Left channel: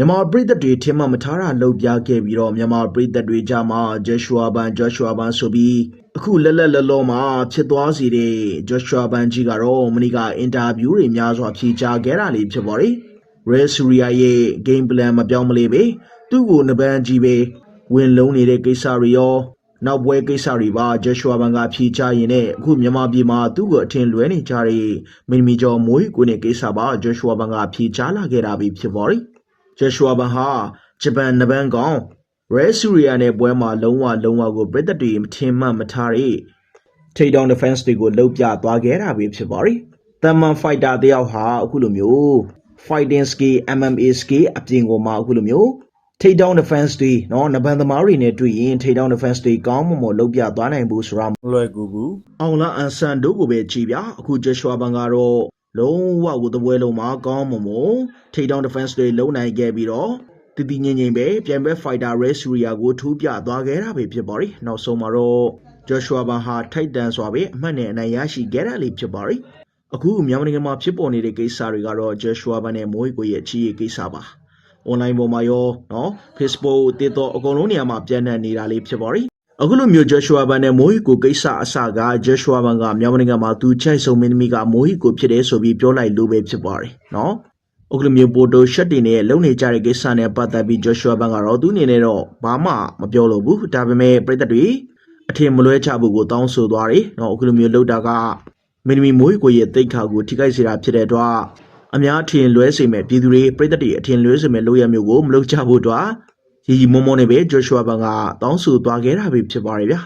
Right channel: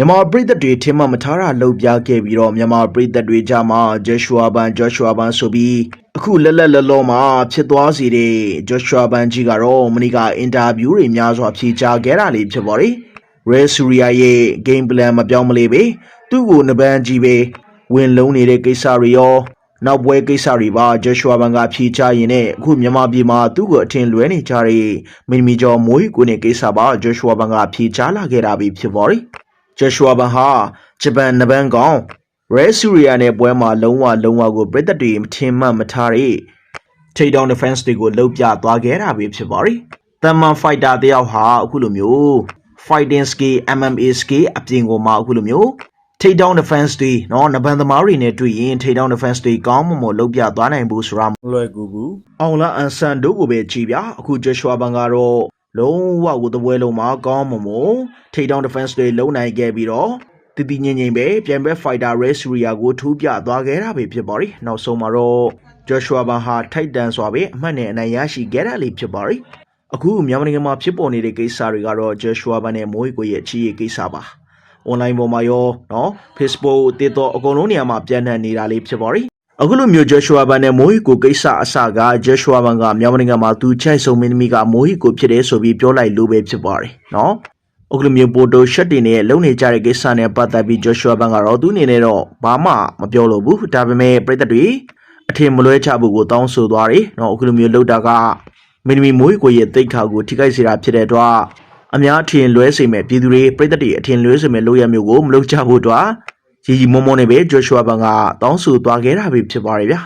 မြန်မာပြည်သက်တွေထင်မှတ်မထားတာလှုပ်ပြခဲ့ပြီးတော့မြန်မာပြည်သက်တွေကြားမှာဂျေရှွာဘန်ဂျေရှွာဘန်ဆိုပြီးအခုလက်လက်လောလောမှာဖြစ်သွားစီတဲ့ဂျေရှွာဘန်ကြီးကတော့မနေ့ကအင်တာဗျူးတွေများစွာဖြေကြားခဲ့တာလေးဖြစ်ပါတယ်ရဲဆူရီယာရဲ့ game plan မပြောင်းမလဲပဲသူ့ကိုနပန်းကြီးပဲဝင်လုံးနေတဲ့ကိစ္စတွေရောနောက်ပွဲကိစ္စတွေပါဂျေရှွာဘန်ကဖြေချရင်နဲ့အခုမြန်မာပြည်မှာသူ့ကိုအထင်လွဲနေကြတဲ့မင်းမီကျော်မိုးကိုနဲ့ကိစ္စပါဂျေရှွာဘန်ကဖြေချလာခဲ့တာပဲဖြစ်ပါတယ် ဂျက်ရှွာဘန်ဟာဂျပန်နဘန်ကောင်ရဲဆူရီယာနဲ့ပွဲမှာလုံးဝလုံးဝကိုပြည်သက်တွေမထင်မှတ်မထားတဲ့ထိတ်တောင် defense တွေကိုလှုပ်ပြသွားခဲ့တာပဲဖြစ်ပါတယ်။တမန် fighter တယောက်ဟာအခုလိုမျိုး fighting skill MMA skill အပြင်ကိုမှအခုလိုမျိုးထိတ်တောင် defense တွေနော်နဘန်သမားတွေနဲ့တွေ့ရင်ထိတ်တောင် defense တွေကောင်းမွန်မွန်လှုပ်ပြသွားနိုင်ဘူးဆိုတာမလွယ်ကူဘူးအောင်လာအန်ဆန်တို့ကိုပဲကြည်ပြအခုဂျက်ရှွာဘန်ကတော့ လုံးဝကိုတပွဲလုံးမှာကောင်းမွန်မွန်ထိပ်တောင်း defense တွေလုံးနိုင်ခဲ့ပြီးတော့တည်တည်ငြိမ်ငြိမ်ပဲပြန်ပဲ fighter race ria ကိုထူးပြသွားခဲ့တာပဲဖြစ်ပါရီနောက်ဆုံးမှာတော့ Joshua ဘာဟာထိုက်တန်စွာပဲအမှတ်နဲ့အနိုင်ရရှိခဲ့တာလေးဖြစ်ပါရီအခုမြန်မာနိုင်ငံမှာဖြစ်ပေါ်နေတဲ့ကိစ္စတွေကတော့ Joshua ဘာနဲ့မိုးကိုရဲ့အချီးရေးကိစ္စပါ။ online ပေါ်မှာရောနော် Facebook တစ်တော့အကုန်လုံးနေရာမှာပြန့်နှံ့နေတာလေးဖြစ်ပါရီ အခုလိုမျိုးဂျေရှွာဘန်နဲ့မိုဟီကိုကိစ္စအစကဂျေရှွာဘန်ကမြန်မာနိုင်ငံမှာသူချိုက်ဆုံးမင်းသမီးကမိုဟီကိုဖြစ်တယ်ဆိုပြီးပြောလိုက်လို့ပဲဖြစ်ပါတယ်နော်အခုလိုမျိုးပိုတိုရှက်တင်နဲ့လုံနေကြတဲ့ကိစ္စနဲ့ပတ်သက်ပြီးဂျေရှွာဘန်ကတော့သူ့အနေနဲ့တော့ဘာမှမပြောလို့ဘူးဒါပေမဲ့ပြည်သက်တွေအထင်မလွဲချဖို့ကိုတောင်းဆိုသွားတယ်နော်အခုလိုမျိုးလှုပ်တာကမင်းသမီးမိုဟီကိုရဲ့တိတ်ခါကိုထိခိုက်စေတာဖြစ်တဲ့အတွက်အများအထင်လွဲစေမဲ့ပြည်သူတွေပြည်သက်တွေအထင်လွဲစေမဲ့လုပ်ရမျိုးကိုမလုပ်ကြဖို့အတွက် ရီရီမောမောနဲ့ပဲဂျော့ရှွာဘန်ကတောင်းဆိုသွားခဲ့တာပဲဖြစ်ပါတယ်ဗျာ